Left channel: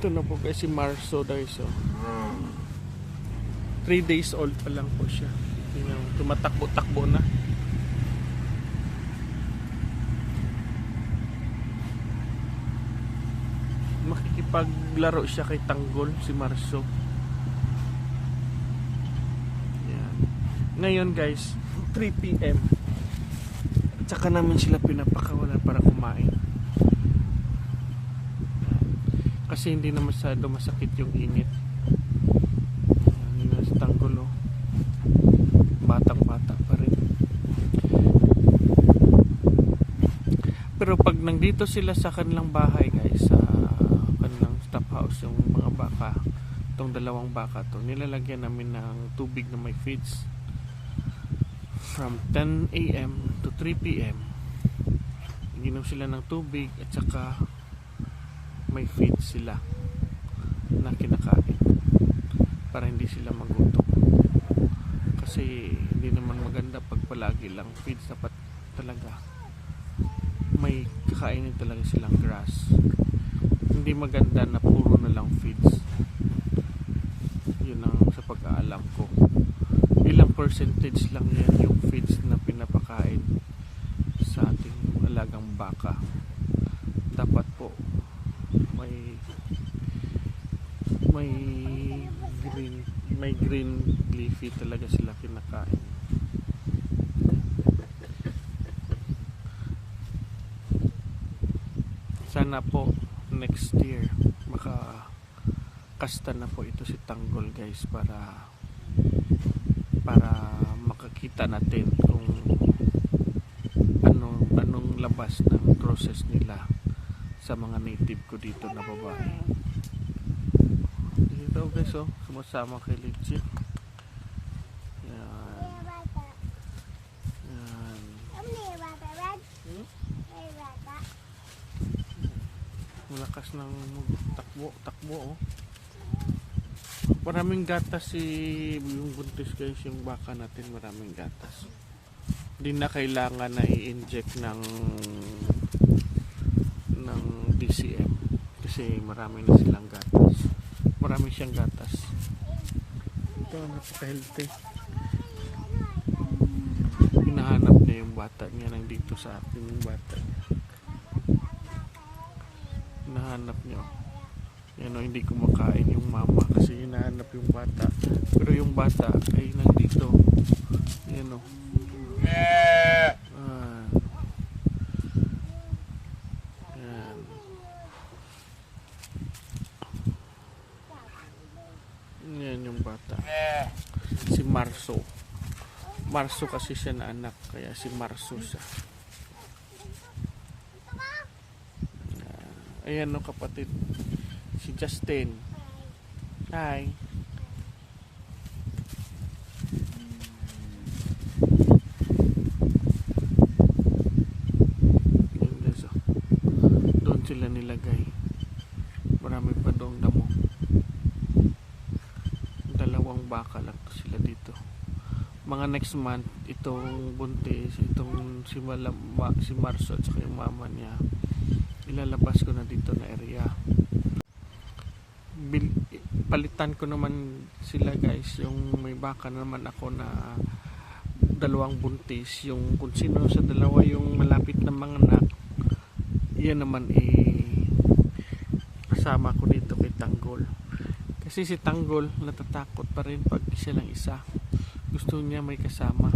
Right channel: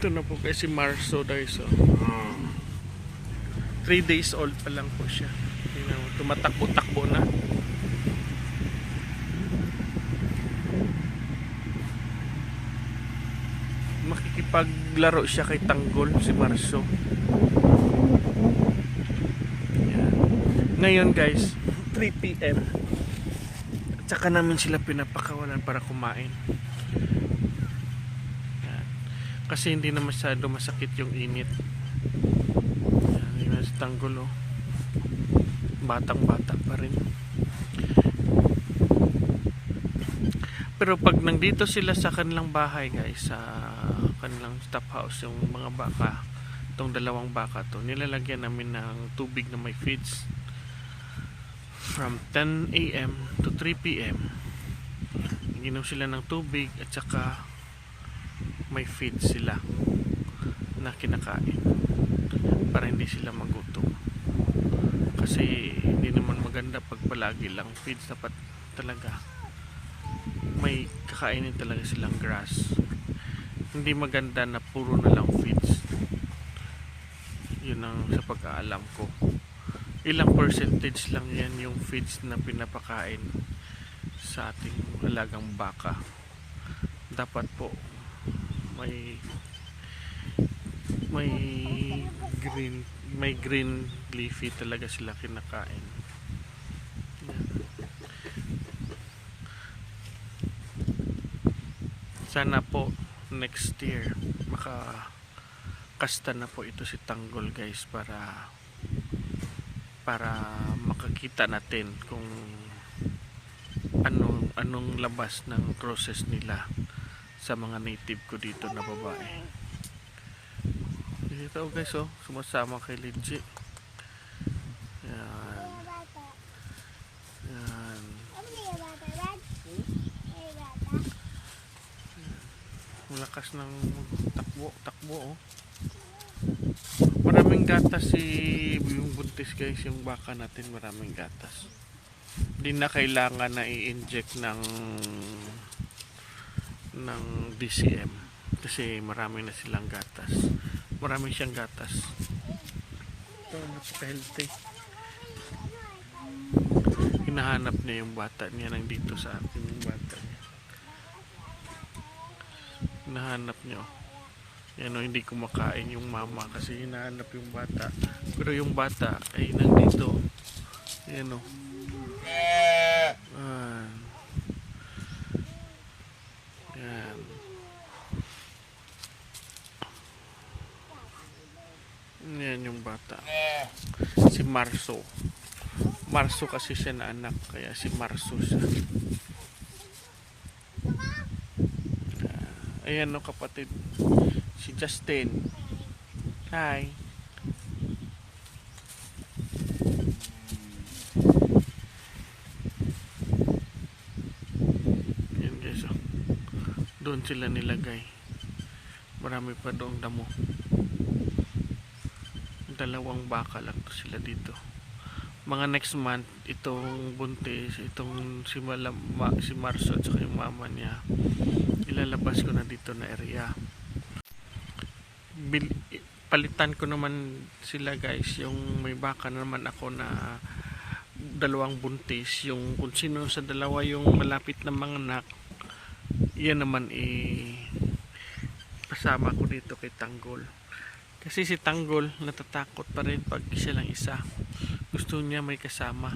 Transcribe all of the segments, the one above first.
Ito na po kasi Marso guys. So 3 days old pa lang po siya. Tingnan mo, tumatakbo-takbo na. Makikipaglaro siya kay Tanggol, si Marso. Yan. Ngayon guys, 3 PM. At saka namin sila pinapakawalan para kumain. Yan. Kasi hindi na masyado masakit yung init. Yan, yun si Tanggol oh. Batang-bata pa rin. Pero pag nandito sila sa kanilang bahay guys, sa kanilang stop house, yung mga baka, itong dalawang baka to, nilalagyan namin ng tubig na may feeds. From 10 AM to 3 PM, inom sila ng tubig at saka may feeds sila na kinakain para hindi sila magutom. Kasi hindi naman maganda pag palagi lang feeds, dapat talaga may kakainin talaga silang grass. Hindi maganda na puro na lang feeds. Yun ang sa pag-aalam ko. Ilang percentage lang yan yung feeds na pinapakain sa ating alagang baka. Dapat po may green leafy talaga sila kinakain. Sana po next year makakasta na po ito si Tanggol guys, para makakita natin kung anong labas ng process nila sa mga native ko dito na babae. Dito guys oh, sumasama kay Legit. Yan. Yan. Malakas ng takbo oh. Maraming gatas yung buntis guys, yung baka natin maraming gatas. Hindi na kailangan na i-inject ng DCM kasi marami na silang gatas. Marami siyang gatas. Ito, napaka-healthy. Hinahanap niya yung bata niya, nandito sa akin yung bata niya. Hinahanap niya. Yan o, hindi kumakain yung mama kasi hinahanap yung bata. Pero yung bata ay nandito. Yan o. Yan. Yan yung bata. Si Marso. Marso kasi siya na anak, kaya si Marso siya. Ayan o kapatid, si Justin. Hi. Ayan guys o. Doon sila nilagay. Marami pa doong damo. Dalawang baka lang to sila dito. Mga next month, itong buntis, itong si Marso at saka yung mama niya, ilalabas ko na dito na area. Palitan ko naman sila guys, yung may baka naman ako na dalawang buntis, yung kung sino sa dalawa yung malapit na mga anak, yan naman kasama ko dito kay Tanggol. Kasi si Tanggol natatakot pa rin pag siya lang isa. Gusto niya may kasama.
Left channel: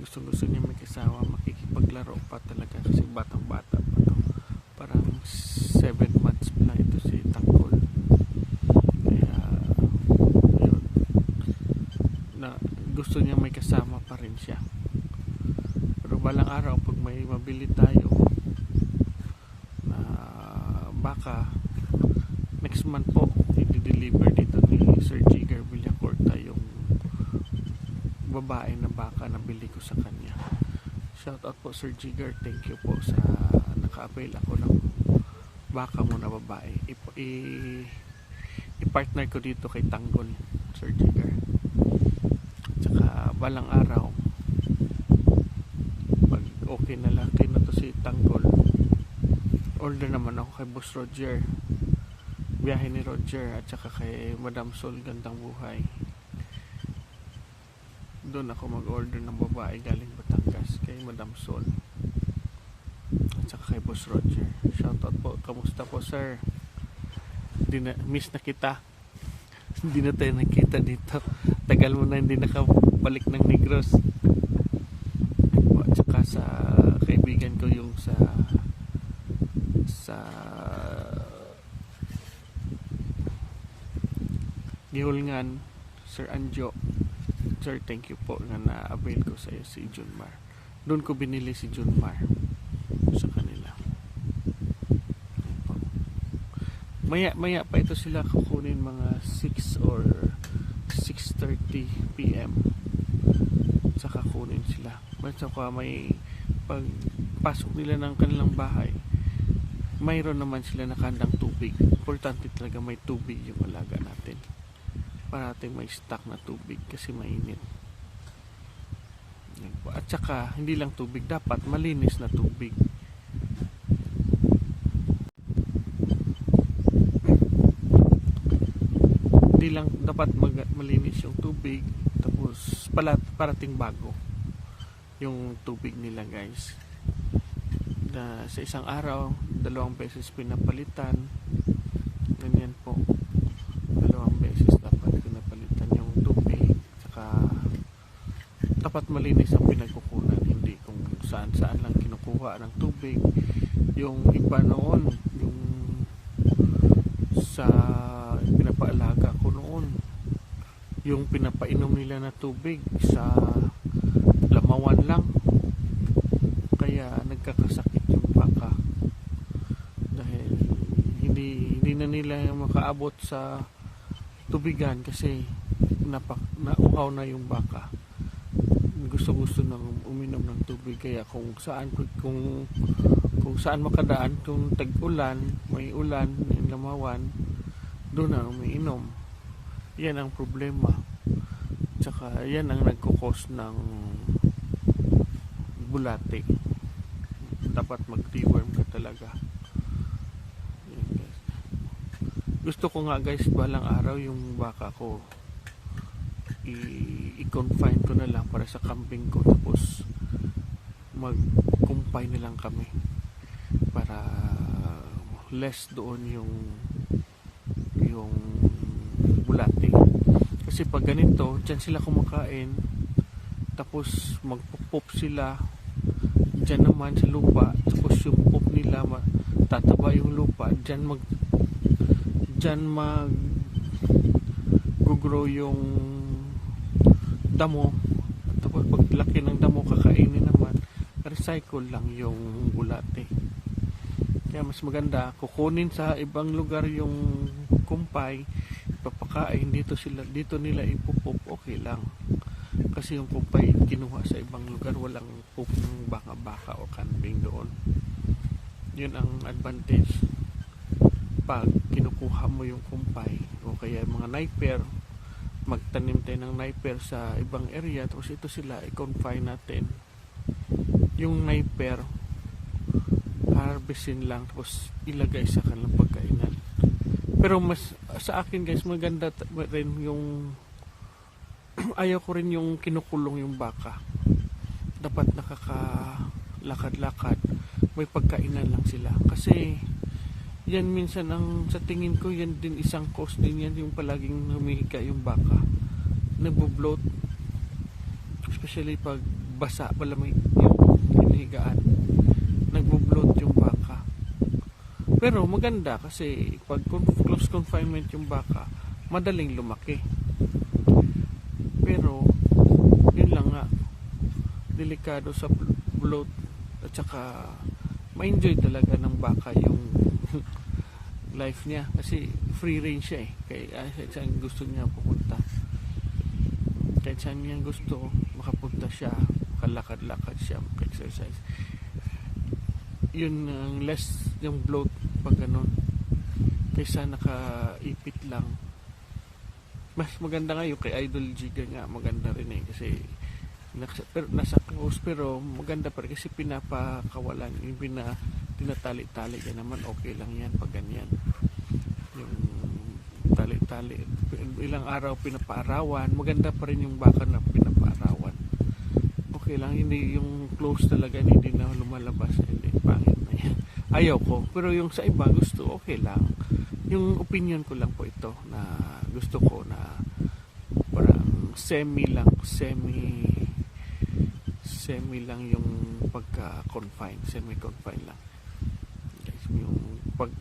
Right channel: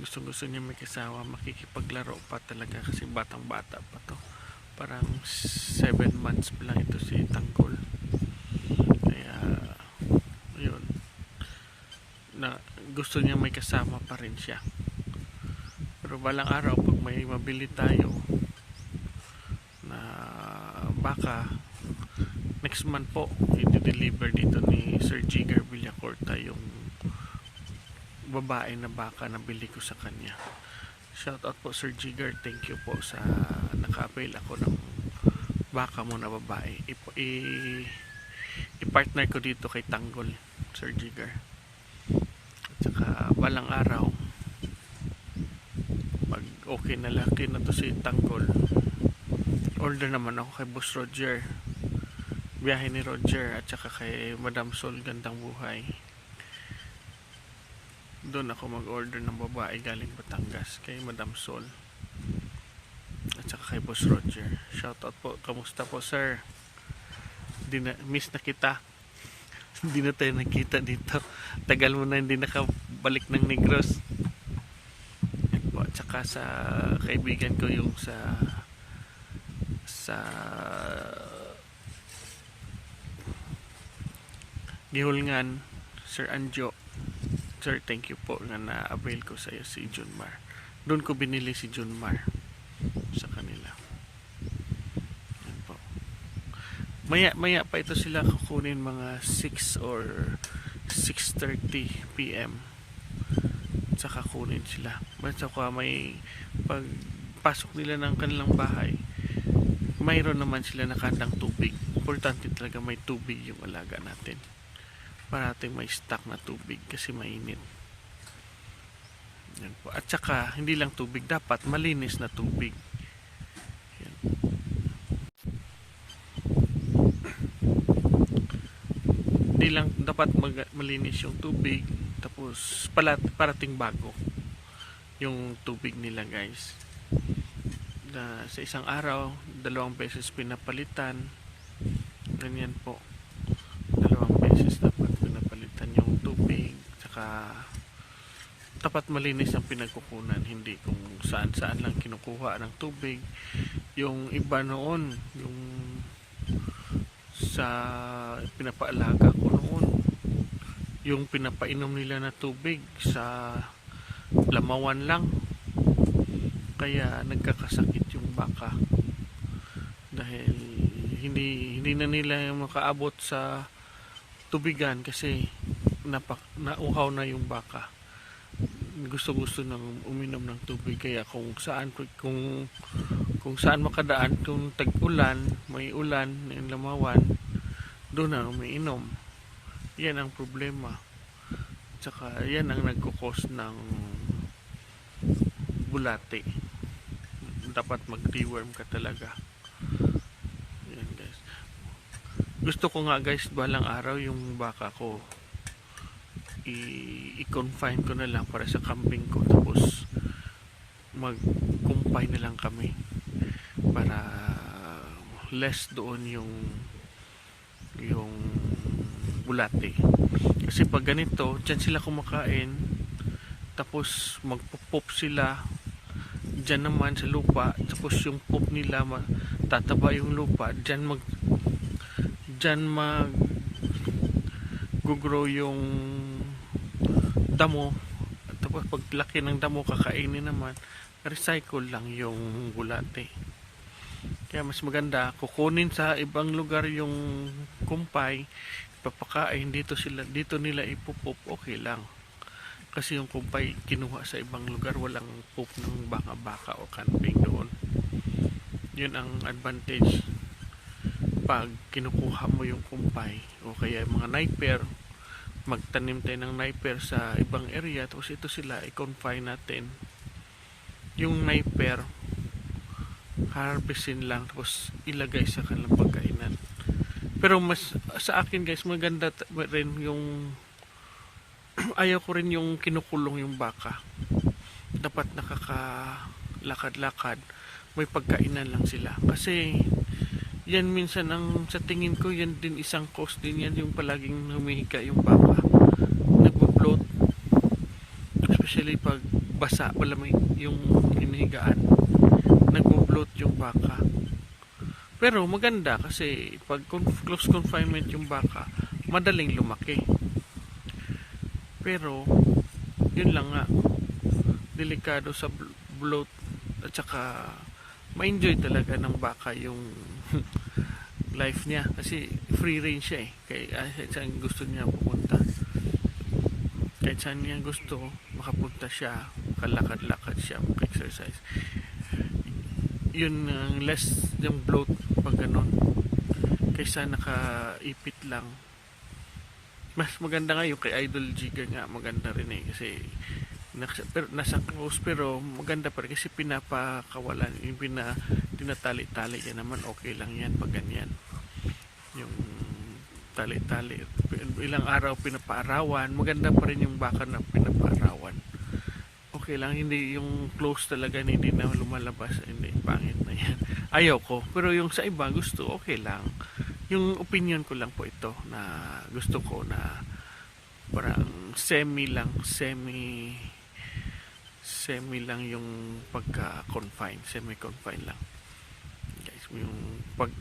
Gusto niya may kasama, makikipaglaro pa talaga kasi batang-bata pa to. Parang 7 months pa lang ito si Tanggol. Kaya ayun, na gusto niya may kasama pa rin siya. Pero balang araw pag may mabili tayo na baka, next month po i-deliver dito ni Sir Jigger Villacorta yung babae na baka na bili ko sa kanya. Shout out po Sir Jigger, thank you po sa naka-avail ako ng baka mo na babae. I-partner ko dito kay Tanggol, Sir Jigger. Tsaka balang araw pag okay na laki na to si Tanggol, order naman ako kay Boss Roger biyahe ni Roger at saka kay Madam Sol Gandang Buhay. Doon ako mag-order ng babae galing Batangas kay Madam Sol at saka kay Boss Roger. Shoutout po, kamusta po sir? Miss na kita. Hindi na tayo nakita dito. Tagal mo na hindi nakabalik ng Negros. Yan po. At saka sa kaibigan ko yung sa Gihulngan, Sir Anjo. Sir, thank you po nga na-avail ko sa iyo si Junmar. Doon ko binili si Junmar sa kanila. Yan po. Maya pa ito sila kukunin mga 6 or 6:30 PM. Saka kunin sila. Basta ko may pagpasok nila ng kanilang bahay, mayroon naman sila nakandang tubig. Importante talaga may tubig yung alaga natin. Para natin may stock na tubig kasi mainit. Yan po. At saka hindi lang tubig, dapat malinis na tubig. Yan. Hindi lang dapat malinis yung tubig, tapos parating bago yung tubig nila guys. Na sa isang araw 2 beses pinapalitan. Ganyan po, 2 beses dapat pinapalitan yung tubig. Saka dapat malinis ang pinagkukunan, hindi kung saan lang kinukuha ng tubig. Yung iba noon, yung sa pinapaalaga ko noon, yung pinapainom nila na tubig sa lamawan lang, kaya nagkakasakit yung baka dahil hindi na nila makaabot sa tubigan kasi nauhaw na yung baka. Gusto nang uminom ng tubig, kaya kung saan makadaan, kung tag-ulan, may ulan, yung lamawan, doon na umiinom. Yan ang problema. Tsaka yan ang nagkukos ng bulate. Dapat mag-deworm ka talaga. Yan guys. Gusto ko nga guys, balang araw yung baka ko i-confine ko na lang para sa kambing ko, tapos mag-confine na lang kami para less doon yung bulate. Kasi pag ganito, dyan sila kumakain, tapos magpupop sila dyan naman sa lupa, tapos yung pop nila tataba yung lupa, dyan gugrow yung damo, tapos paglaki ng damo kakainin naman, recycle lang yung bulate. Kaya mas maganda kukunin sa ibang lugar yung kumpay, papakain dito nila ipupop, okay lang. Kasi yung kumpay kinuha sa ibang lugar, walang poop ng baka o kambing doon. Yun ang advantage pag kinukuha mo yung kumpay o kaya mga niper. Magtanim tayo ng niper sa ibang area, tapos ito sila i-confine natin. Yung niper harvestin lang, tapos ilagay sa kanilang pagkainan. Pero mas sa akin guys, maganda rin yung ayaw ko rin yung kinukulong yung baka. Dapat nakakalakad-lakad, may pagkainan lang sila. Kasi yan minsan sa tingin ko, yan din isang cause din yan, yung palaging humihiga yung baka, nagbo-bloat, especially pag basa, wala may yung hinihigaan, nagbo-bloat yung baka. Pero maganda kasi pag close confinement yung baka, madaling lumaki. Pero yun lang nga, delikado sa bloat, at saka ma-enjoy talaga ng baka yung life niya kasi free range siya kahit saan gusto niya pupunta, kahit saan niya gusto makapunta siya, makalakad-lakad siya, maka-exercise. Yun ang less yung bloat pag ganon, kaysa nakaipit lang. Mas maganda nga yung kay Idol Giga nga, maganda rin kasi nasa close, pero maganda pa rin kasi pinapakawalan, yung tinatali-tali yan naman, okay lang yan pag ganyan. yung tali-tali, ilang araw pinapaarawan, maganda pa rin yung baka na pinapaarawan. Okay lang, hindi yung close talaga, hindi na lumalabas, hindi, pangit na yan. Ayaw ko, pero yung sa iba gusto, okay lang. Yung opinion ko lang po ito, na gusto ko na parang semi lang yung pagka-confine, semi-confine lang. Guys, yung pag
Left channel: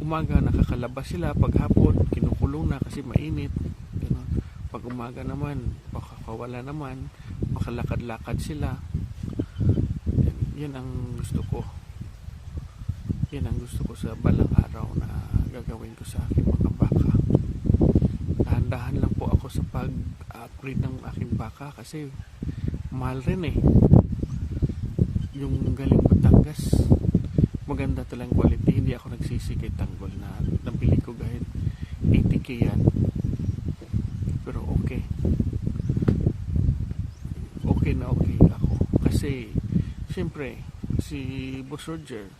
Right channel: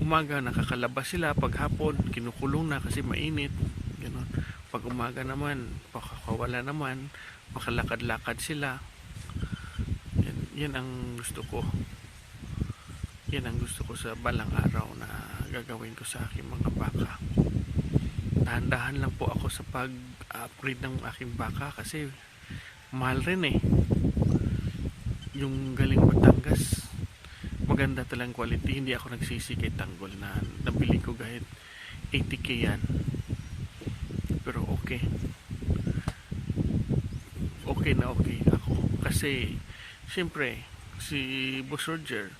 umaga nakakalabas sila, pag hapon kinukulong na kasi mainit, ganun. Pag umaga naman pakakawala naman, makalakad-lakad sila. Yan ang gusto ko. Yan ang gusto ko sa balang araw na gagawin ko sa aking mga baka. Dahan-dahan lang po ako sa pag-upgrade ng aking baka kasi mahal rin eh. Yung galing Batangas, maganda talang quality. Hindi ako nagsisi kay Tanggol na nabili ko kahit 80k yan, pero okay na okay ako kasi siyempre si Boss Roger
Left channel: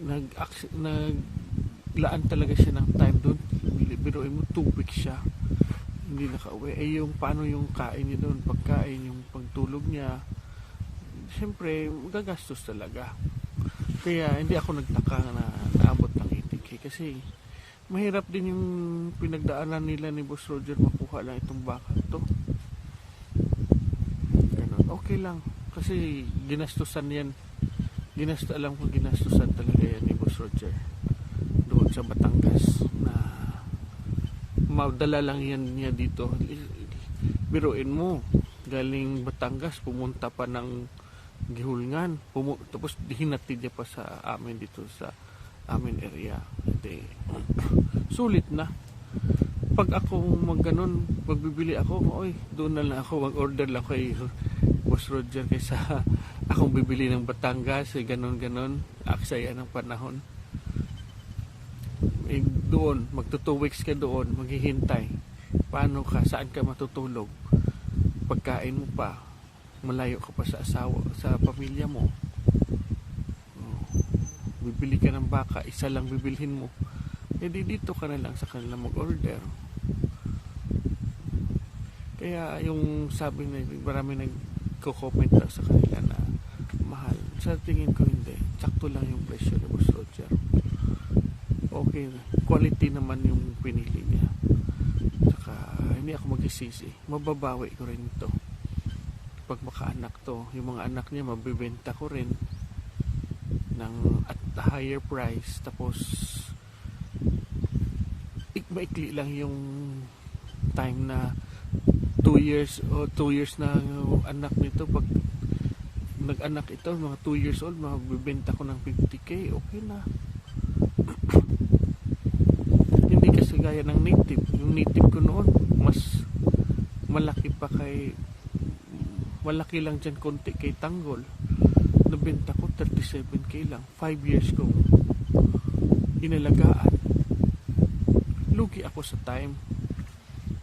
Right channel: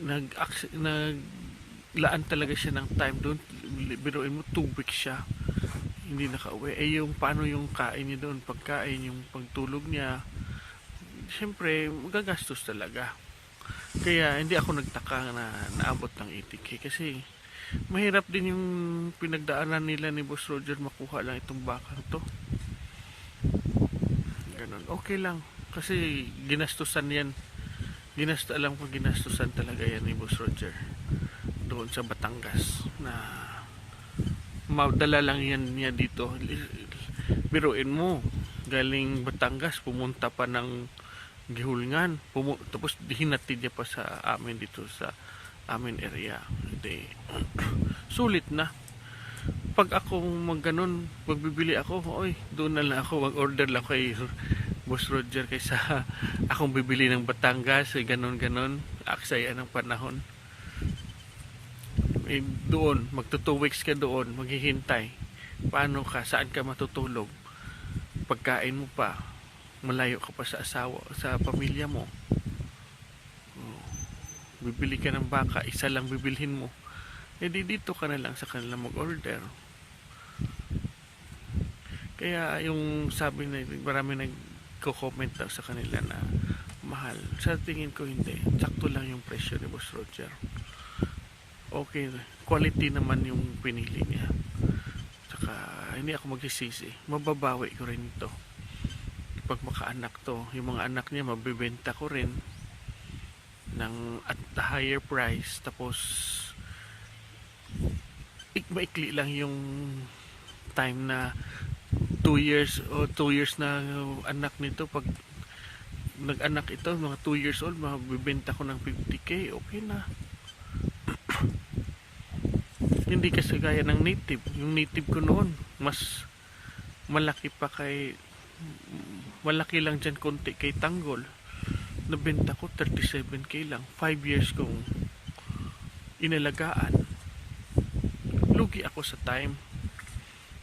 naglaan talaga siya ng time doon. Biruin mo 2 weeks siya hindi nakauwi. Yung paano yung kain niya doon, pagkain, yung pagtulog niya, siyempre gagastos talaga. Kaya hindi ako nagtaka na naabot ng 80k kasi mahirap din yung pinagdaanan nila ni Boss Roger makuha lang itong baka to. Ganun. Okay lang kasi ginastusan yan. Alam ko ginastusan talaga yan ni Boss Roger doon sa Batangas na madala lang yan niya dito. Biruin mo, galing Batangas pumunta pa ng Gihulngan, tapos hinatid niya pa sa amin dito sa amin area. Sulit na. Pag ako magganon, magbibili ako, doon na lang ako, mag-order lang kay Boss Roger kaysa akong bibili ng Batangas, ganon. Aksaya ng panahon. Doon, magto 2 weeks ka doon, maghihintay. Paano ka? Saan ka matutulog? Pagkain mo pa, malayo ka pa sa asawa, sa pamilya mo. Bibili ka ng baka, isa lang bibilhin mo. Dito ka na lang sa kanila mag-order. Kaya yung sabi na marami nagko-comment daw sa kanila na mahal. Sa tingin ko hindi. Sakto lang yung presyo ni Boss Roger. Okay, quality naman yung pinili niya. Saka hindi ako magsisisi. Mababawi ko rin ito. Pag makaanak to, yung mga anak niya mabibenta ko rin ng at the higher price. Tapos maikli lang yung time na 2 years na anak nito. Pag nag-anak ito mga 2 years old, mabibenta ko ng 50k, okay na. Hindi kasi gaya ng native. Yung native ko noon mas malaki pa malaki lang dyan konti kay Tanggol. Nabenta ko 37k lang, 5 years kong inalagaan. Lugi ako sa time.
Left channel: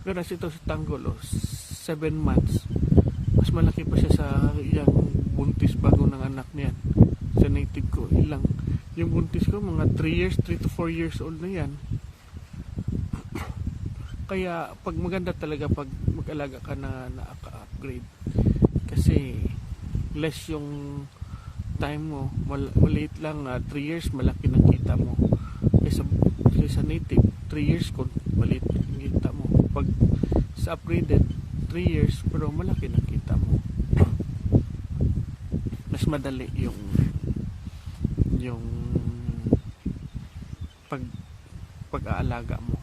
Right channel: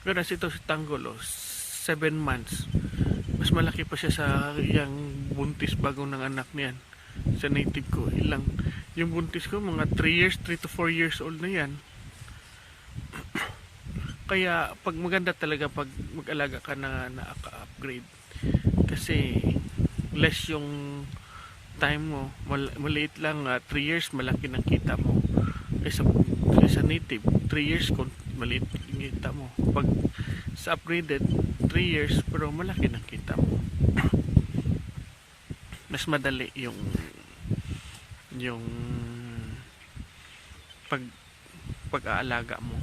Pero ito si Tanggol 7 months, mas malaki pa siya sa yung buntis bago ng anak niyan. Sa native ko yung buntis ko mga 3 to 4 years old na yan. Kaya pag maganda talaga pag mag-alaga ka na upgrade kasi less yung time mo, maliit lang. 3 years malaki ng kita mo kaysa native 3 years kung maliit yung kita mo. Pag sa upgraded 3 years pero malaki ng kita mo. Mas madali yung pag-aalaga mo.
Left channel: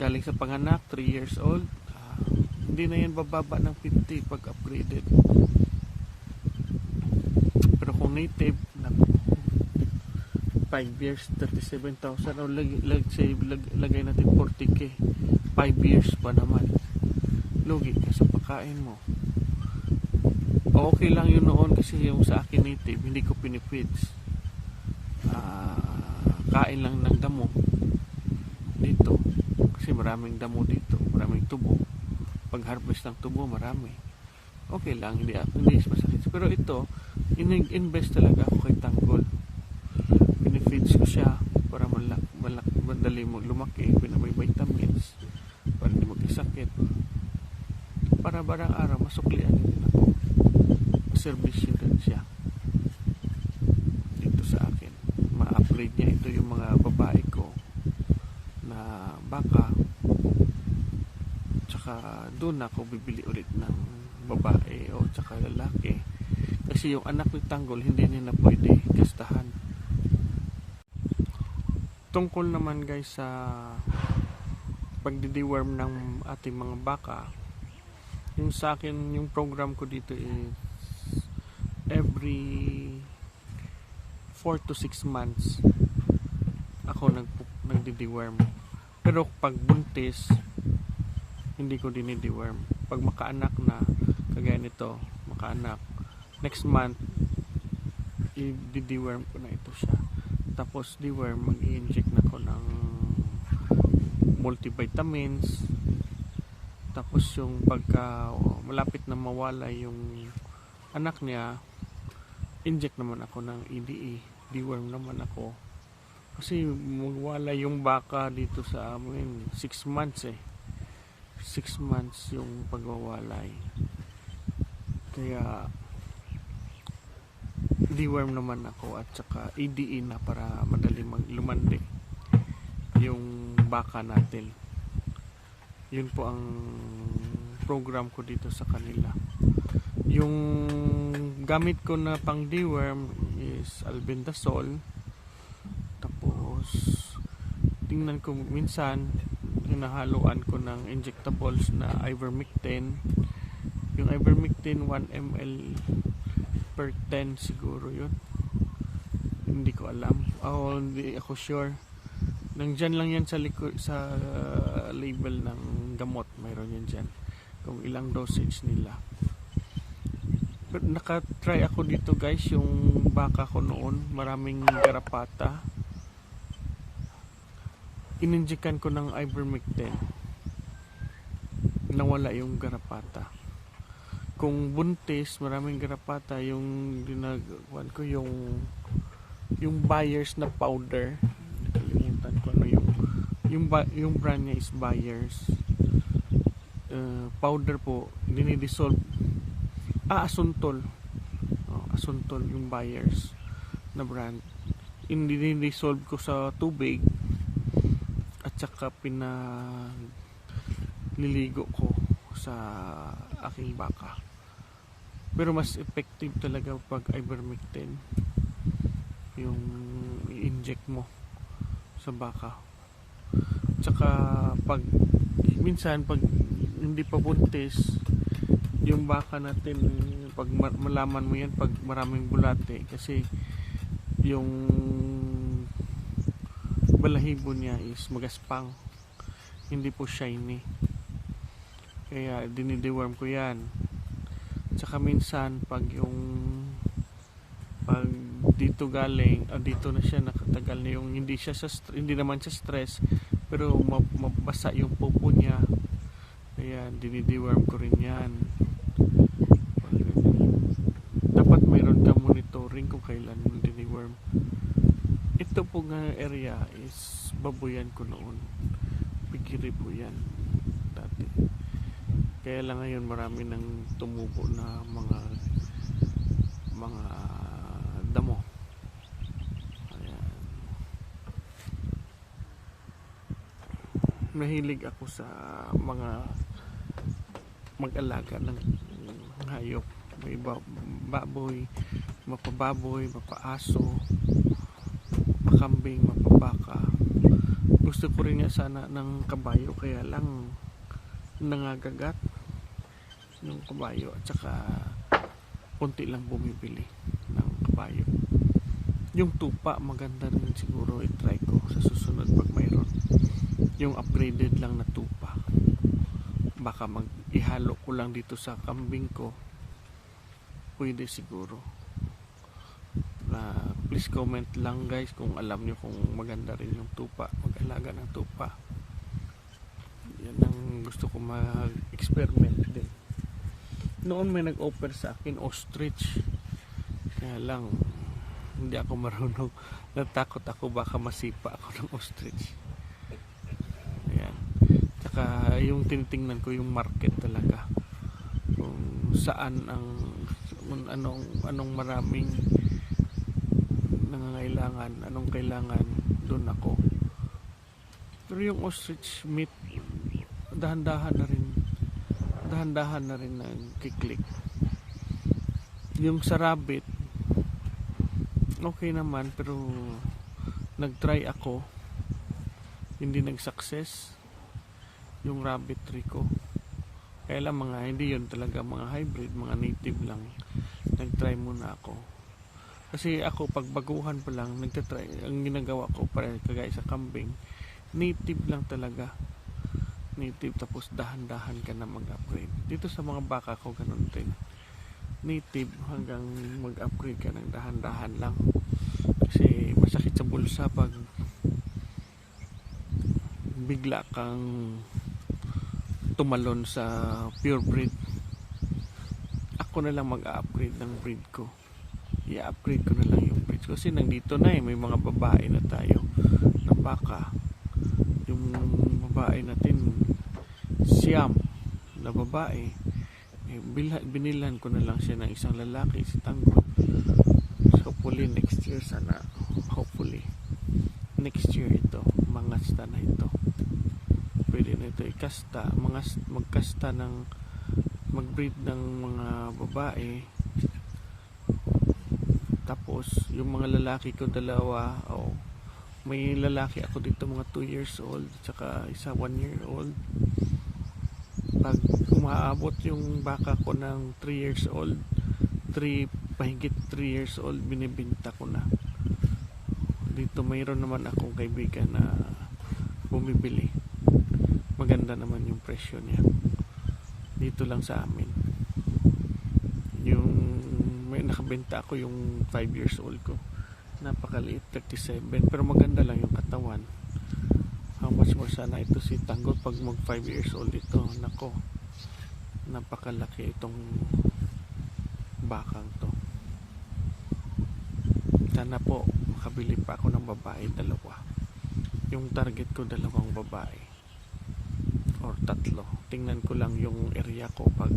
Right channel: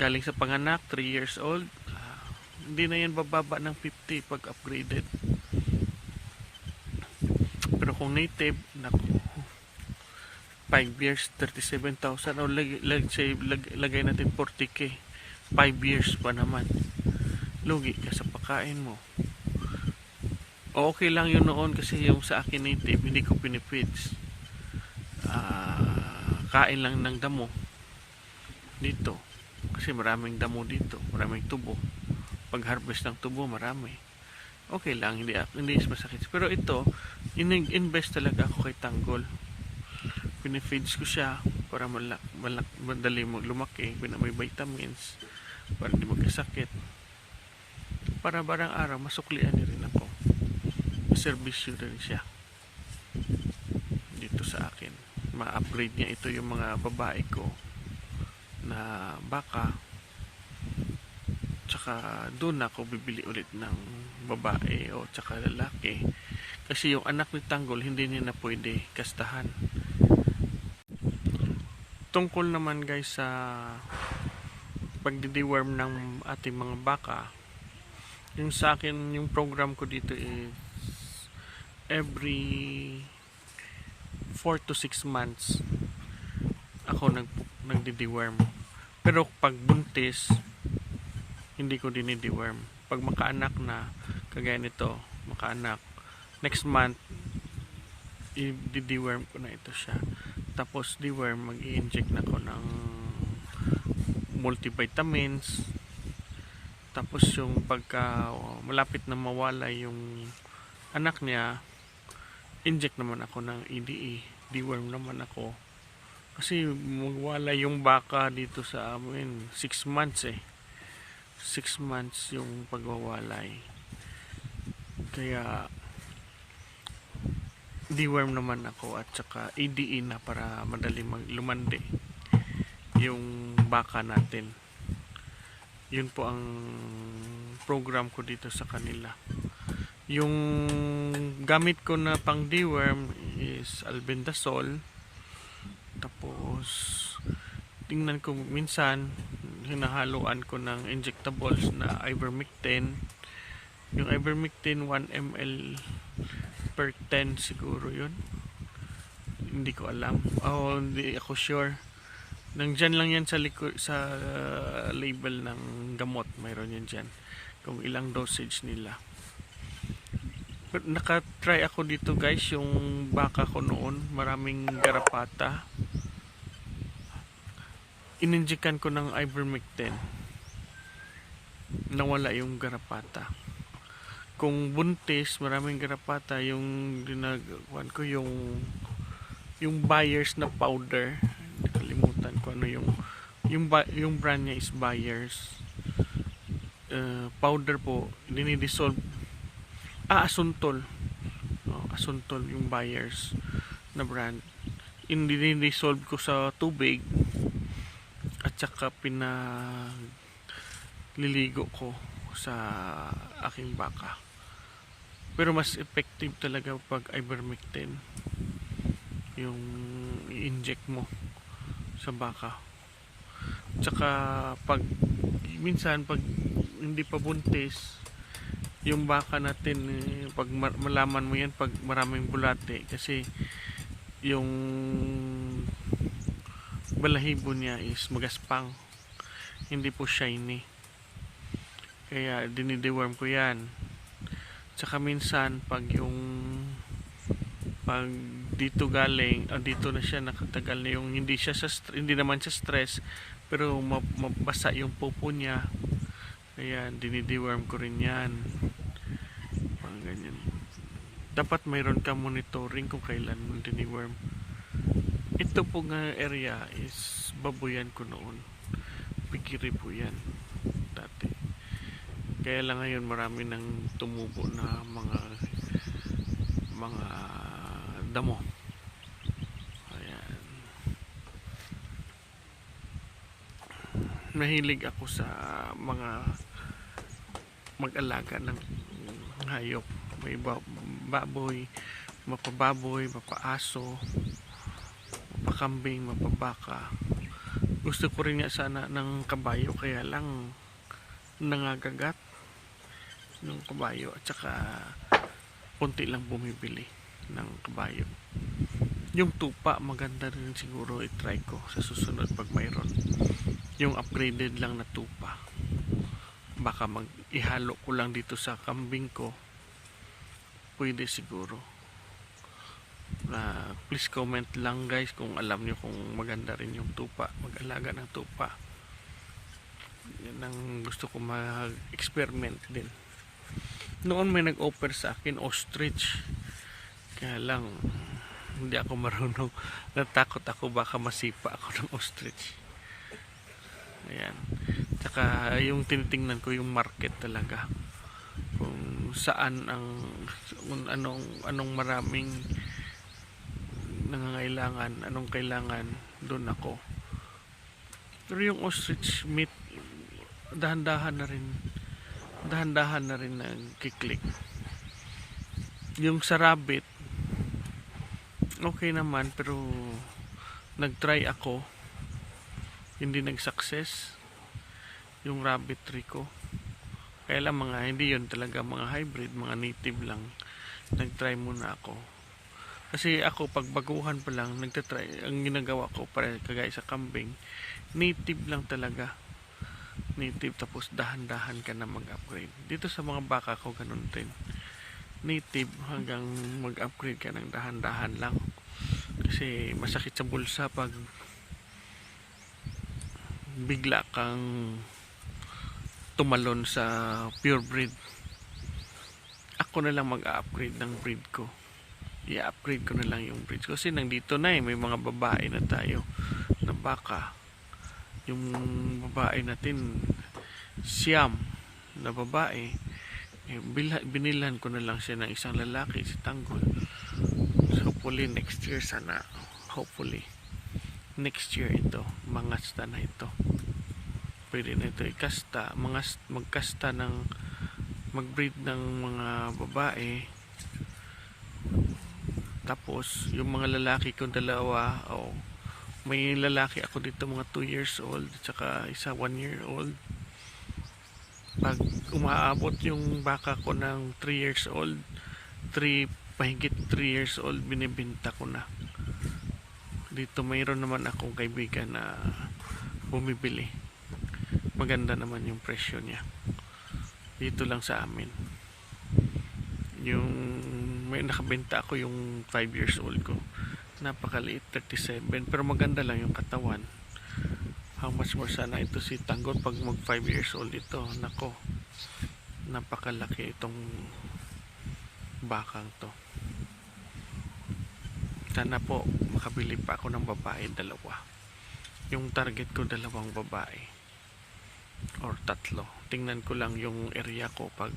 Galing sa panganak 3 years old, hindi na yan bababa ng 50 pag upgraded. Pero kung native, 5 years 37,000 o lagay natin 40k, 5 years pa naman, lugi ka sa pagkain mo. Okay lang yun noon kasi yung sa akin native hindi ko pinifeeds, kain lang ng damo dito kasi maraming damo dito, maraming tubo. Pag harvest ng tubo marami, okay lang, hindi masakit. Pero ito, invest talaga ako kay Tanggol. Pinifeeds ko siya para madali lumaki, may vitamins para hindi magkasakit, para barang araw masuklian niya rin ako, servisyo din siya dito sa akin. Ma-upgrade niya ito yung mga babae ko na baka, tsaka doon ako bibili ulit ng babae o tsaka lalaki, kasi yung anak ni Tanggol hindi niya na pwede kastahan. Tungkol naman guys sa pagdi-deworm ng ating mga baka, yung sa akin, yung program ko dito is every 4 to 6 months ako nagdi-deworm. Pero pag buntis, hindi ko dini-deworm. Pag makaanak na, kagaya nito, makaanak, next month i-deworm ko na ito siya. Tapos deworm, mag-i-inject na ko ng multivitamins. Tapos yung pagka malapit na mawala yung anak niya, inject naman ako ng EDE, deworm naman ako. Kasi magwala yung baka dito sa amin 6 months 6 months yung pagwawalay. Kaya deworm naman ako at saka EDE na para madali lumandi yung baka natin. Yun po ang program ko dito sa kanila. Yung gamit ko na pang deworm is albendazole. Tapos tingnan ko minsan hinahaluan ko ng injectables na ivermectin. Yung ivermectin 1 ml per 10 siguro yun. Hindi ko alam. Hindi ako sure. Nandyan lang yan sa label ng gamot. Mayroon yan dyan kung ilang dosage nila. Pero nakatry ako dito guys, yung baka ko noon maraming garapata, ininjikan ko ng ivermectin, nawala yung garapata. Kung buntis maraming garapata, yung ginagawan ko yung Bayers na powder, nakalimutan ko ano yung brand niya is Bayers powder po, dinidissolve. Asuntol. Asuntol yung Bayers na brand. Dinidissolve ko sa tubig at saka pinaliligo ko sa aking baka. Pero mas effective talaga pag ivermectin yung i-inject mo sa baka. Tsaka minsan pag hindi pa buntis yung baka natin, pag malaman mo yan pag maraming bulate, kasi yung balahibo niya is magaspang, hindi po shiny, kaya dinideworm ko yan. Tsaka minsan pag dito galing, dito na siya nakatagal na yung hindi naman siya stress, pero mabasa yung pupo niya, kaya dinideworm ko rin yan. Dapat mayroon ka monitoring kung kailan mo diniworm. Ito po nga area is baboyan ko noon, pigiri po yan dati, kaya lang ngayon marami nang tumubo na mga damo. Ayan, nahilig ako sa mga mag-alaga ng hayop. May baboy, mapababoy, mapaaso, mapakambing, mapabaka. Gusto ko rin nga sana ng kabayo, kaya lang nangagagat ng kabayo at saka punti lang bumibili ng kabayo. Yung tupa maganda rin siguro, i-try ko sa susunod pag mayroon yung upgraded lang na tupa. Baka ihalo ko lang dito sa kambing ko, pwede siguro. Please comment lang guys kung alam nyo kung maganda rin yung tupa, mag-alaga ng tupa. Yan ang gusto ko mag-experiment din. Noon may nag-offer sa akin ostrich, kaya lang hindi ako marunong. Natakot ako baka masipa ako ng ostrich. Ayan. Tsaka yung tinitingnan ko yung market talaga. Kung saan kung anong maraming nangangailangan, anong kailangan, doon ako. Pero yung ostrich meat, dahan-dahan na rin nagkiklik. Yung sa rabbit, okay naman, pero nag-try ako, hindi nag-success yung rabbitry ko. Kaya lang hindi yun talaga mga hybrid, mga native lang. Nag-try muna ako. Kasi ako pagbaguhan pa lang, nagtatry, ang ginagawa ko para kagaya sa kambing, native lang talaga. Native, tapos dahan-dahan ka na mag-upgrade. Dito sa mga baka ko ganun din. Native hanggang mag-upgrade ka ng dahan-dahan lang. Kasi masakit sa bulsa pag bigla kang tumalon sa pure breed. Ako na lang mag-upgrade ng breed ko. I-upgrade ko na lang yung breed ko. Kasi nandito na may mga babae na tayo na baka. Yung babae natin, Siam na babae, binilan ko na lang siya ng isang lalaki, si Tanggol. So, hopefully next year sana. Hopefully next year ito, mangasta na ito. Pwede na ito ikasta, magkasta ng mag-breed ng mga babae. Tapos yung mga lalaki ko dalawa, may lalaki ako dito mga 2 years old at saka isa 1 year old. Pag umaabot yung baka ko ng 3 years old, mahigit 3 years old, binibenta ko na. Dito mayroon naman akong kaibigan na bumibili. Maganda naman yung presyo niya. Dito lang sa amin. Yung may nakabenta ako yung 5 years old ko. Napakaliit, 37, pero maganda lang yung katawan. How much more sana ito si Tanggol pag mag 5 years old ito. Nako, napakalaki itong bakang to. Sana po makabili pa ako ng babae, dalawa. Yung target ko 2 babae or 3. Tingnan ko lang yung area ko pag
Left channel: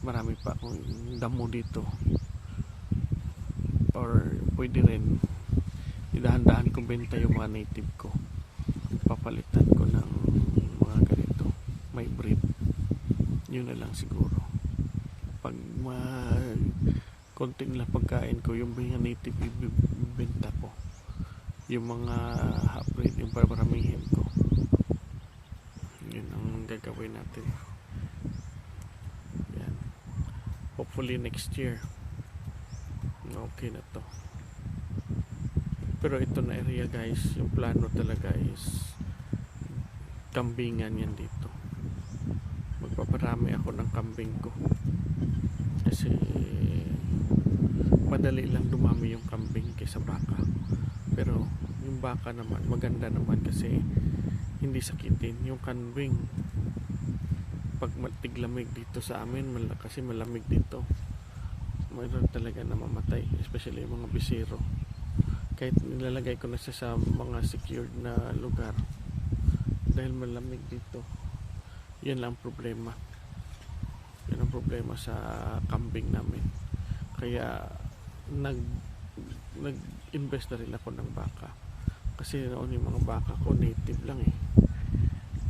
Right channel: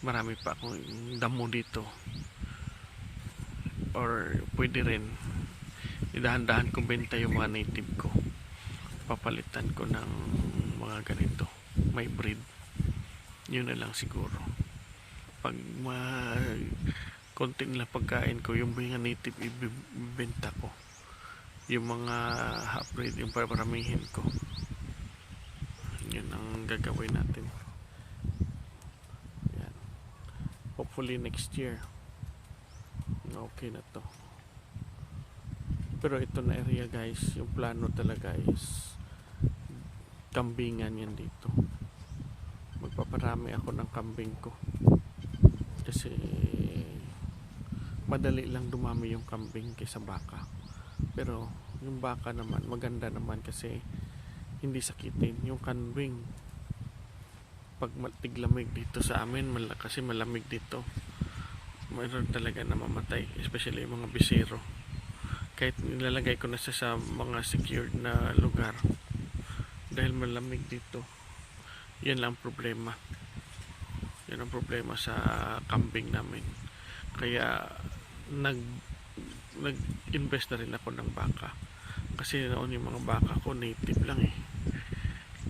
marami pa akong damo dito, or pwede rin idahan-dahan kong benta yung mga native ko, papalitan ko ng mga ganito may breed. Yun na lang siguro. Pag konti nila pagkain ko, yung mga native ibibenta ko, yung mga half breed yung paramihin ko. Yun ang gagawin natin. Yan. Hopefully next year okay na to. Pero ito na area guys, yung plano talaga is kambingan yan dito. Magpaparami ako ng kambing ko kasi madali lang dumami yung kambing kaysa baka. Pero yung baka naman maganda naman kasi hindi sakitin. Yung kambing pag tiglamig dito sa amin, kasi malamig dito, mayroon talaga na mamatay, especially yung mga bisero. Kahit nilalagay ko na sa mga secured na lugar dahil malamig dito. Yan lang problema. Yan ang problema sa kambing namin. Kaya nag-invest na rin ako ng baka. Kasi noon yung mga baka ko native lang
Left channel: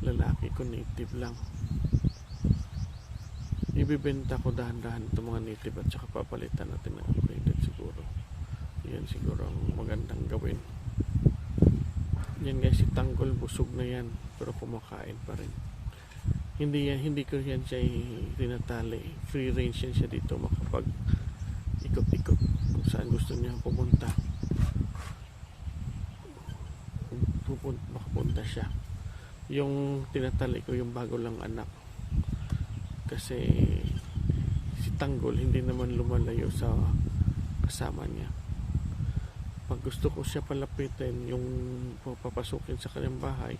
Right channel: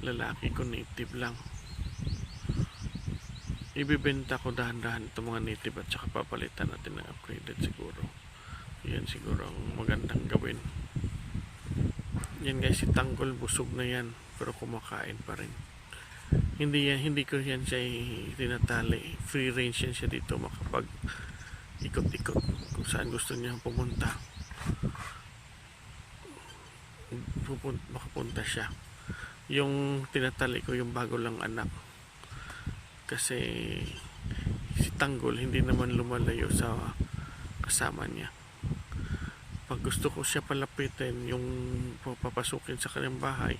lalaki ko native lang. Ibibenta ko dahan-dahan itong mga native at saka papalitan natin ng upgraded siguro. Yan siguro ang magandang gawin. Yan guys, si Tanggol busog na yan pero kumakain pa rin. Hindi ko yan siya tinatali. Free range yan siya dito, makapag ikot-ikot kung saan gusto niya pumunta. Makapunta siya. Yung tinatali ko yung bago lang anak, kasi si Tanggol hindi naman lumalayo sa kasama niya. Pag gusto ko siya palapitin, yung papasukin sa kanyang bahay,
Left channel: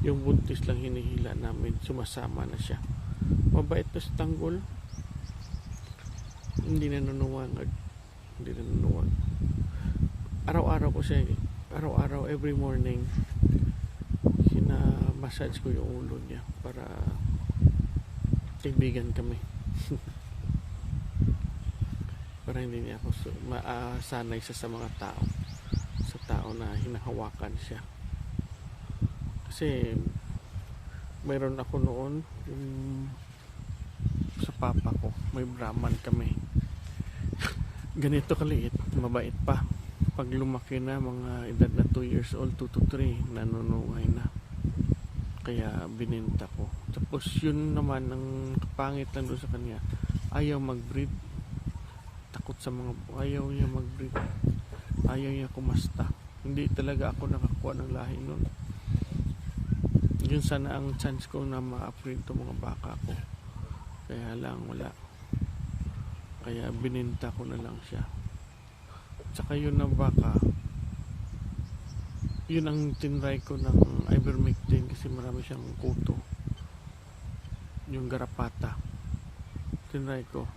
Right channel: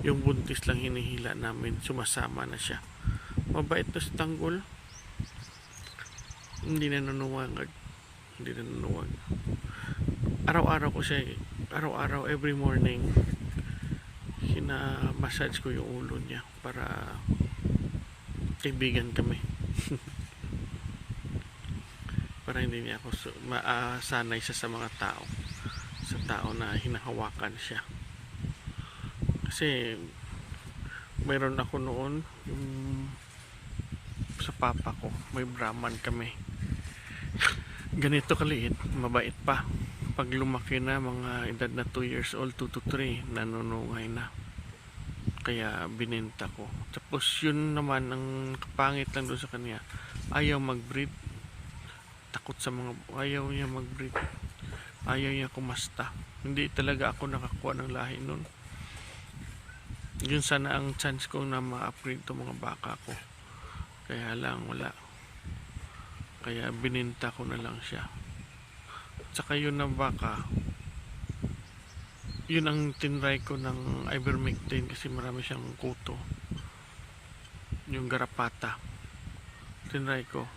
yung buntis lang hinihila namin, sumasama na siya. Mabait na si Tanggol, hindi na nanuwag. araw-araw ko siya, araw-araw, every morning, massage ko yung ulo niya para kaibigan kami. Para hindi niya ako sanay siya sa mga tao, sa tao na hinahawakan siya. Kasi mayroon ako noon yung sa papa ko, may Brahman kami, ganito kaliit, mabait pa. Pag lumaki na, mga edad na 2 years old, 2 to 3, nanunungay na. Kaya binenta ko. Tapos yun naman, ang kapangit lang doon sa kanya, ayaw mag-breed. Takot sa mga, ayaw niya mag-breed. Ayaw niya kumasta. Hindi talaga ako nakakuha ng lahi nun. Yun sana ang chance ko na ma-upgrade to mga baka ko. Kaya lang wala. Kaya bininta ko na lang siya. Tsaka yun na baka, yun ang tinry ko ng ivermectin kasi marami siyang kuto. Yung garapata, tinry ko,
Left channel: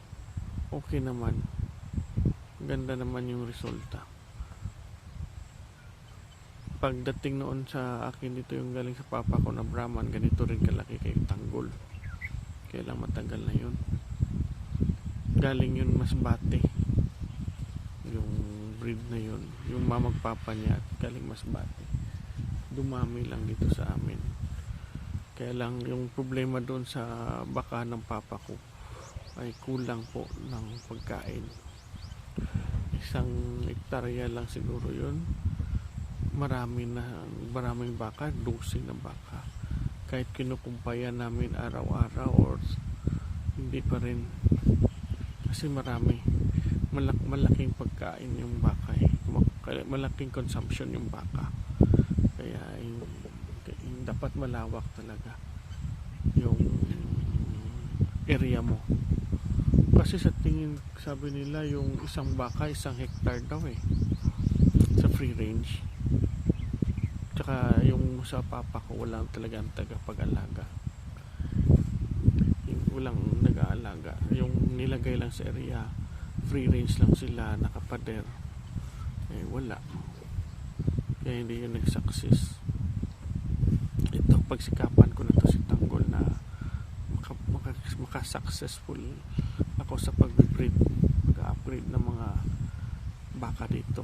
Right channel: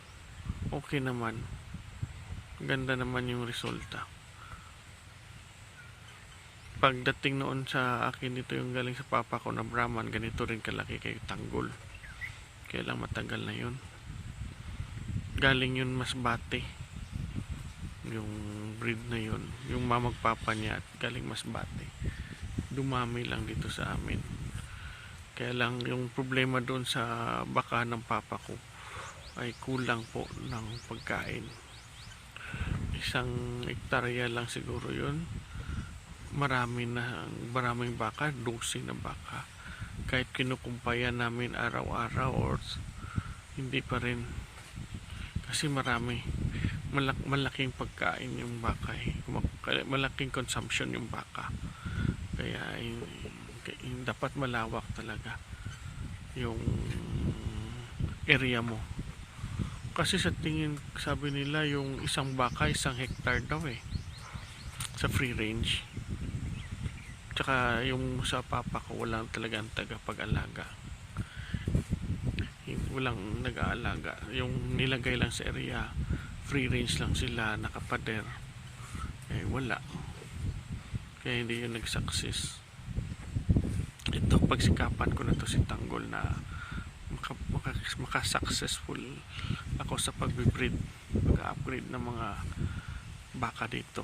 okay naman, ganda naman yung resulta. Pagdating noon sa akin, dito yung galing sa papa ko na Brahman, ganito rin kalaki kay tanggol. Kaya lang matagal na yun. Galing yun Masbate, yung breed na yun, yung mamagpapa niya, at galing Masbate. Dumami lang dito sa amin. Kaya lang yung problema doon sa baka ng papa ko ay kulang po ng pagkain. 1 hektarya lang siguro yun. Maraming baka, 12 na baka. Kahit kinukumpayan namin araw-araw or hindi pa rin. Kasi malaking pagkain yung baka eh. Malaking consumption yung baka. Kaya dapat malawak talaga yung area mo. Kasi sa tingin, sabi nila yung isang baka 1 hektar daw eh, sa free range. Tsaka yung sa papa ko walang talagang tagapag-alaga, walang nag-aalaga. Yung nilagay lang sa area, free range lang sila, nakapader, eh wala. Kaya hindi yun nag-success. Ito, pagsikapan ko na to si Tanggol na maka-successful ako sa pag-breed, mag-upgrade ng mga baka dito.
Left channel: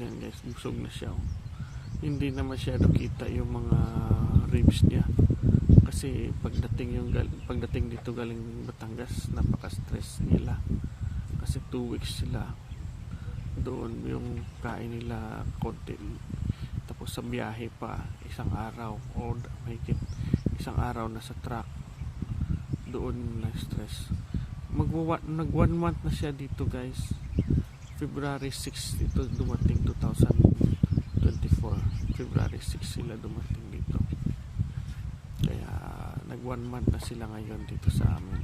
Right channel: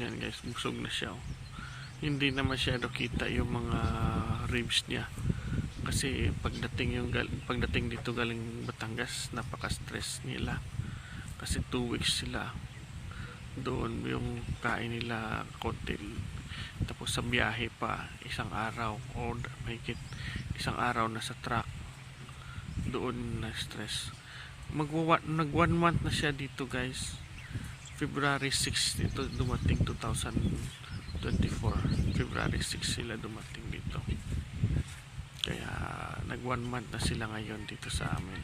Yan guys, busog na siya. Hindi na masyado kita yung mga ribs niya. Kasi pagdating dito galing Batangas, napaka-stress nila. Kasi 2 weeks sila doon, yung kain nila konti. Tapos sa biyahe pa, 1 araw o mahigit 1 araw na sa truck. Doon na stress. Nag 1 month na siya dito guys. February 6 dito dumating, 2024 February 6 sila dumating dito. Kaya nag 1 month na sila ngayon dito sa amin.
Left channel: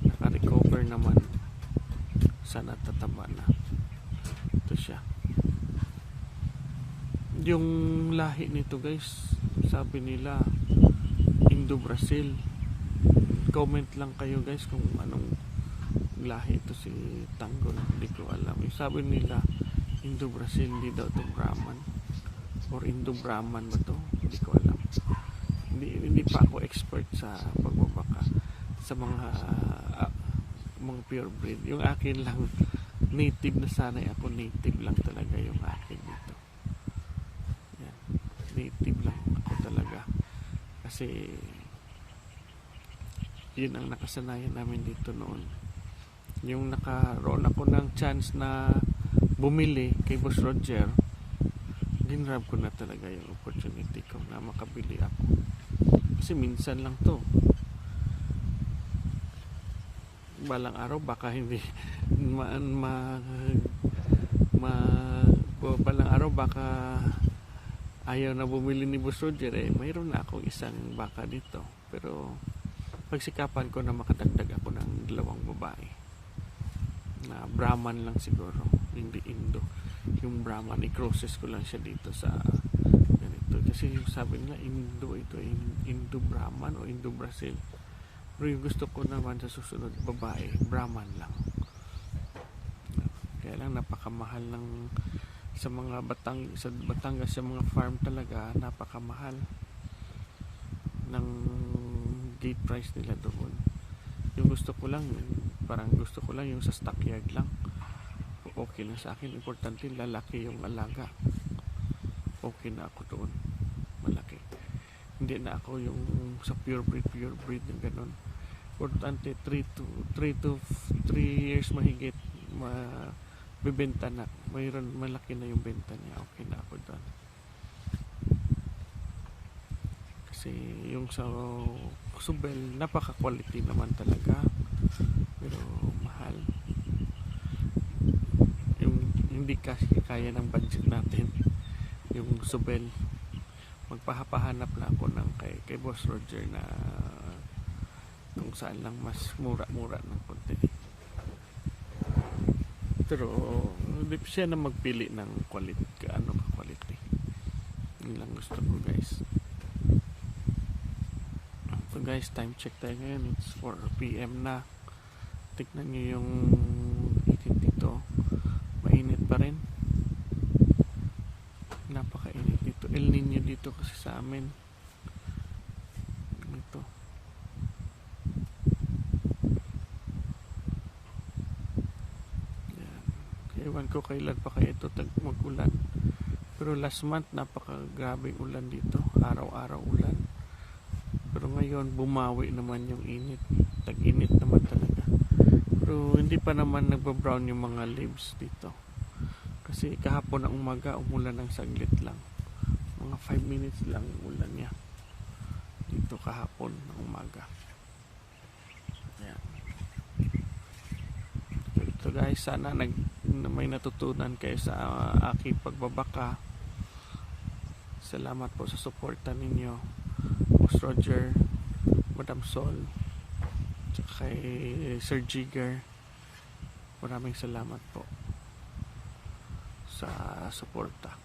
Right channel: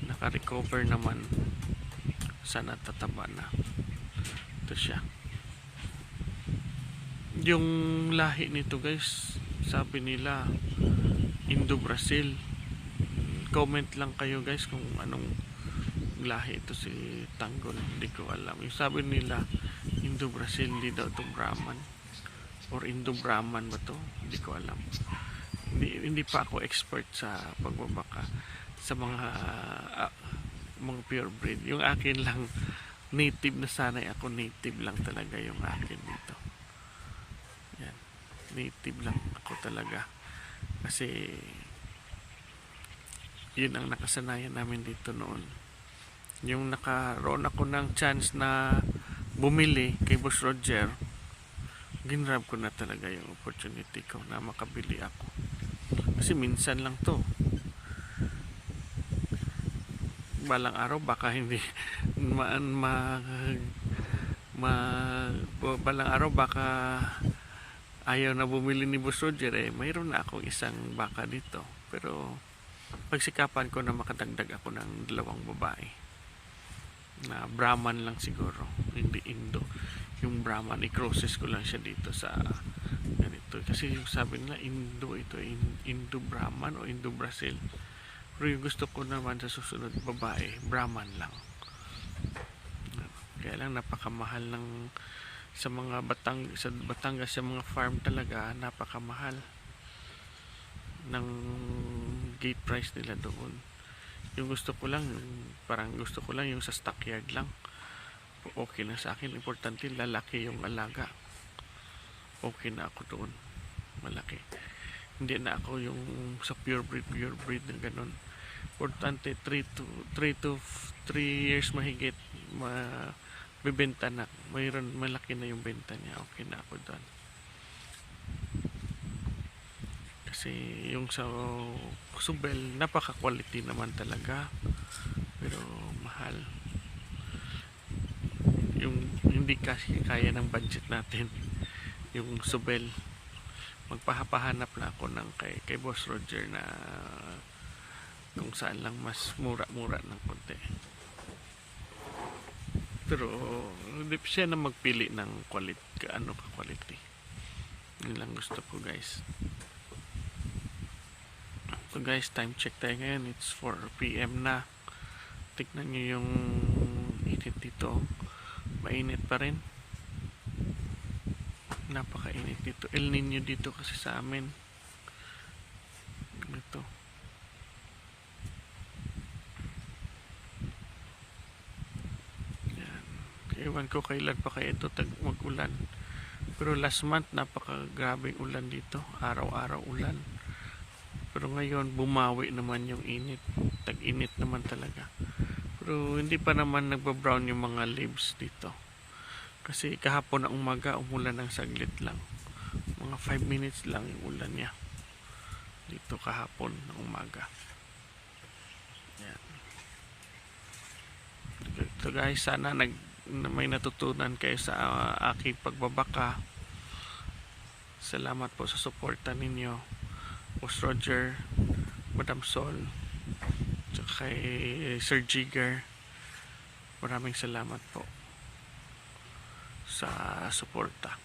Naka-recover naman, sana tataba na. Ito siya. Yung lahi nito guys, sabi nila Indo-Brazil. Comment lang kayo guys kung anong lahi ito si Tanggol. Hindi ko alam. Yung sabi nila Indo-Brazil, hindi daw ito Brahman or Indo-Brahman ba to, hindi ko alam. Hindi pa ako expert sa pagbabaka sa mga pure breed. Yung akin lang native, na sanay ako, native lang talaga yung akin dito. Yan, native lang ako talaga kasi yun ang nakasanayan namin dito noon. Yung nakaroon ako ng chance na bumili kay Boss Roger, ginrab ko na talaga yung opportunity ko na makabili ako. Kasi minsan lang to. Balang araw baka hindi balang araw baka ayaw na bumili ni Boss Roger eh, mayroon na akong 1 baka dito. Pero pagsikapan ko na makadagdag ako ng 2 babae na Brahman lang siguro, hindi Indo. Yung Brahman, i-crosses ko lang siya dito sa ganito. Kasi sabi nila Indo ito, Indo-Brahman o Indo-Brazil. Pero yung gusto ko naman sa susunod babae, Brahman lang. kaya lang napakamahal ng sa Batangas, sa mga farm talaga napakamahal ng gate price nila doon. Yung gusto ko lang yung sa stockyard lang, okay na sa akin. Importante lalaki yung alaga, okay na ako doon, malaki. Hindi na ako yung sa pure breed na ganun. Importante 3 years mahigit bibenta na, mayroon malaki na yung benta niya, okay na ako doon. Kasi yung sa Subel napaka quality naman talaga, pero mahal. Yung hindi kasi kaya ng budget natin yung Subel. Magpapahanap na ako ng kay Boss Roger na kung saan lang mas mura ng konti. Pero hindi siya na magpili ng quality, quality. Yun lang gusto ko, guys. So guys, time check tayo ngayon. It's 4 PM na. Tignan nyo yung init dito. Mainit pa rin. Napakainit dito. El Nino dito kasi sa amin. Ito. Yan. Ewan ko kailan pa kaya ito mag-ulan. Pero last month napakagrabing ulan dito. Araw-araw ulan. Pero ngayon bumawi naman yung init. Tag-init naman talaga. Pero hindi pa naman nagbabrown yung mga leaves dito. Kasi kahapon na umaga umulan ng saglit lang. Mga 5 minutes lang yung ulan niya. Dito kahapon ng umaga. Yan. Ito guys, sana may natutunan kayo sa aking pagbabaka. Salamat po sa suporta ninyo. Boss Roger, Madam Sol, tsaka kay Sir Jigger. Maraming salamat po sa suporta.